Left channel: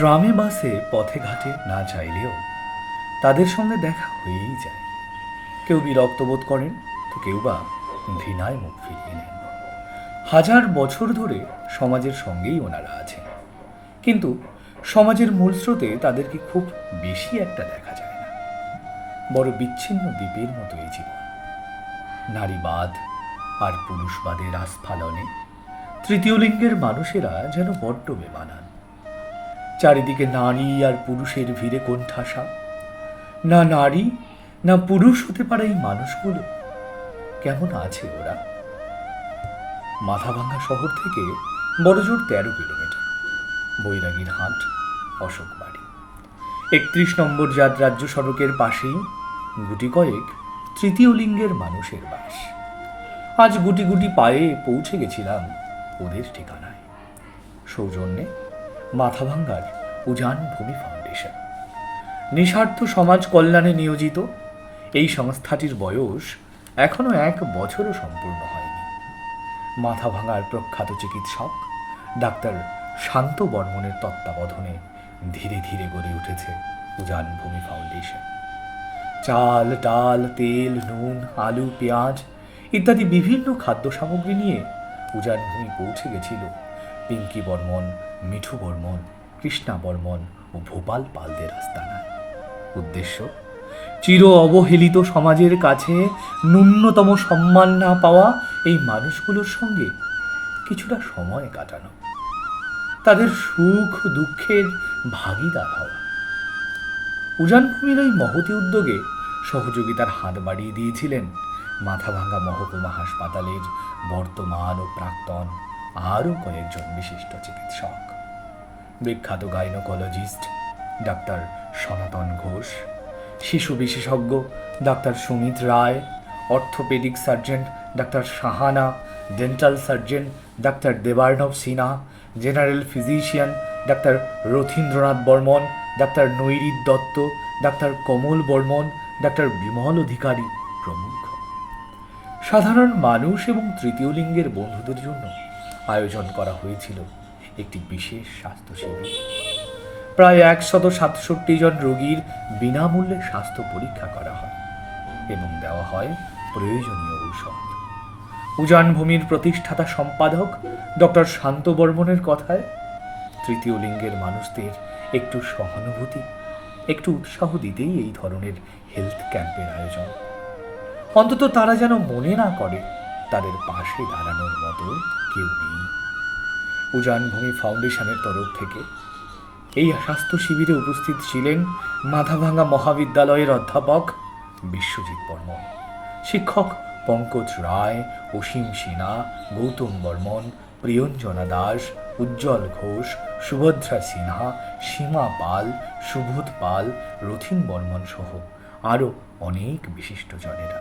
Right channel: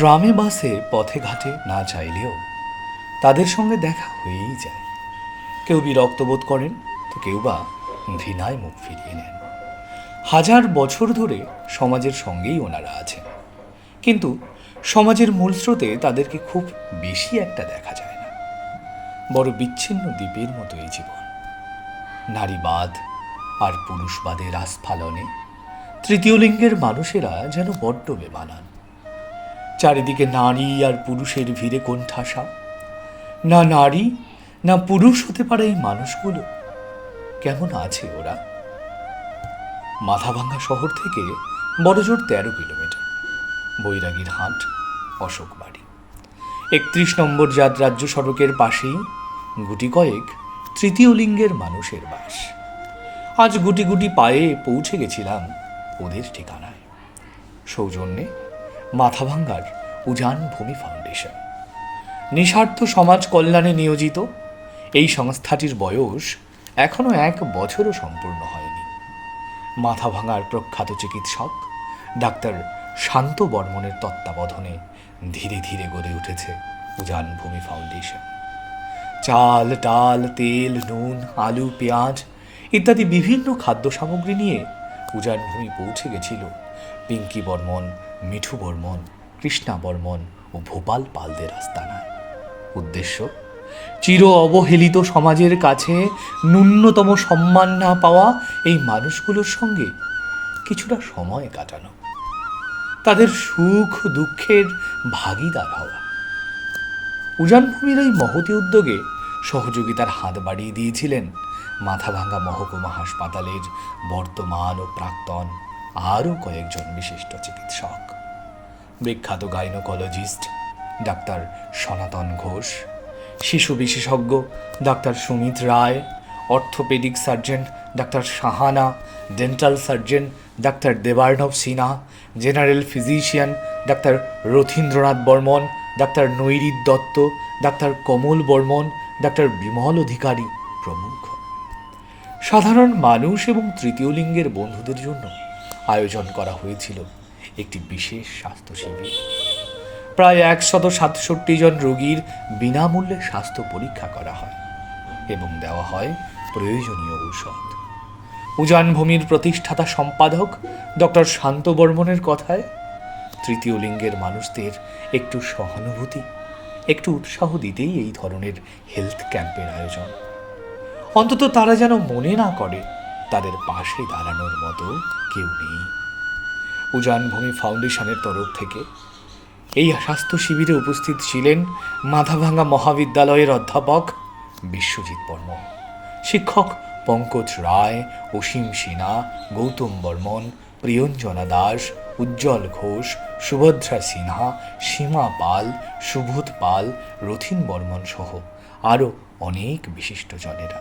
ট্রামে বাসে পথে ঘাটে না চাইলেও তাদের সঙ্গে দেখা হয়েই যায়। কেউ বিরক্ত বোধ করেন, তো কেউ বা ঘৃণায় মুখ ফিরিয়ে নেন। হাজার বছর ধরে সমাজের সঙ্গেই ওনারা আছেন, কিন্তু সমাজের মূল স্রোতে তাদেরকে খুব বেশি একটা দেখা যায় না। বড় বিচ্ছিন্ন দ্বীপের মতো এই জীবন। নারীবাদ আর পুরুষবাদের আস্ফালনে তৃতীয় লিঙ্গের মানুষেরা যেন বড্ড বেমানান। চারিদিকে নারী আর পুরুষের ভিড়ে কোণঠাসা। না নারী না পুরুষ হতে পারে এই মানুষগুলো। কেমন আছে ওরা? মাথাভাঙ্গা শহর থেকে বড়জোর 13 কিলোমিটার। বৈরাগীর হাট, অশোক বাড়ি। 31 নম্বর জাত রাজ্য সড়কের পাশেই গুটি কয়েক তৃতীয় লিঙ্গের মানুষের বাস। আজ গুটি গুটি পায়ে পৌঁছে গেছিলাম ওদের ঠিকানায়। সৌজন্যে মাথাভাঙ্গার উজান ভূমি ফাউন্ডেশন। নিঃস্বার্থ সমাজ কল্যাণে নিয়োজিত এই সংস্থাটির বয়স এখনো 1 বছরও সম্পূর্ণ হয়নি। মাথাভাঙ্গার প্রখ্যাত চিকিৎসক ডাক্তার শান্ত বর্মনের তত্ত্বাবধানে ধীরে ধীরে গড়ে উঠেছে উজান ভূমি ফাউন্ডেশন। চাল, ডাল, তেল, নুন, আলু, পেঁয়াজ ইত্যাদি বিভিন্ন খাদ্য সামগ্রী নিয়ে উজান ভূমি পৌঁছে গেছিল পিঙ্কি বর্মন, মিঠু বর্মন, কৃষ্ণা বর্মন ও ভোপাল পালদের আস্তানা। উদ্দেশ্য, চির অবহেলিত সমাজের কাছে ন্যূনতম সম্মান না পাওয়া এই মানুষগুলোর সঙ্গে কিছুটা সময় কাটানো, তাদের সুখ দুঃখের ভাগীদার হওয়া। উজানভূমির এই মহতী উদ্যোগে সহযোগিতার হাত বাড়িয়ে দিয়েছিলেন মাথাভাঙ্গা মহকুমা হাসপাতালের বর্তমান ও প্রাক্তন আরও কয়েকজন বিশিষ্ট চিকিৎসক। বিখ্যাত গাইনোকোলজিস্ট ডাক্তার সনাতন ঘোষ, শিশু বিশেষজ্ঞ doctor Sumit Roy, orthopaedic surgeon doctor Sahana, dental surgeon doctor Debarnab Sinha, general physician doctor Rathindranath Barman, doctor Nairit Dutta, doctor Kamal Barman, doctor Bimal Adhikari প্রমুখ। সাধারণ মানুষ এবং তৃতীয় লিঙ্গের বন্ধুদের জন্য আয়োজন করা হয়েছিল একটি বিশেষ স্বাস্থ্য শিবির। প্রায় 167 জন রোগীর বিনামূল্যে স্বাস্থ্য পরীক্ষা করা হয় এবং দেওয়া হয় প্রয়োজনীয় ঔষধ। উজানভূমির প্রতিষ্ঠাতা সম্পাদক ডক্টর শান্ত বর্মনের কথায়, তৃতীয় লিঙ্গের মানুষদের একটু সহানুভূতি, একটু উৎসাহ দিতেই এই ধরনের হেলথ ক্যাম্পের আয়োজন। অন্তত তারা যেন মনে না করে তাদের পাশে দাঁড়ানোর মতো কেউ নেই। উজানভূমি ফাউন্ডেশনের তরফ থেকে এই স্বাস্থ্য শিবিরে উপস্থিত ছিলেন মাথাভাঙ্গা মহাবিদ্যালয়ের অধ্যাপক বিশ্বজিৎ বর্মন, শিক্ষক পঙ্কজ রায়, অসীম সিনহা, গৌতম বর্মন, প্রিয়ঞ্জনা দাস, উজ্জ্বল ঘোষ, সুভদ্রা সিনহা, সীমা পাল, সুবোধ পাল, রথীন বর্মন সহ আরও অনেক বিশিষ্টজনেরা।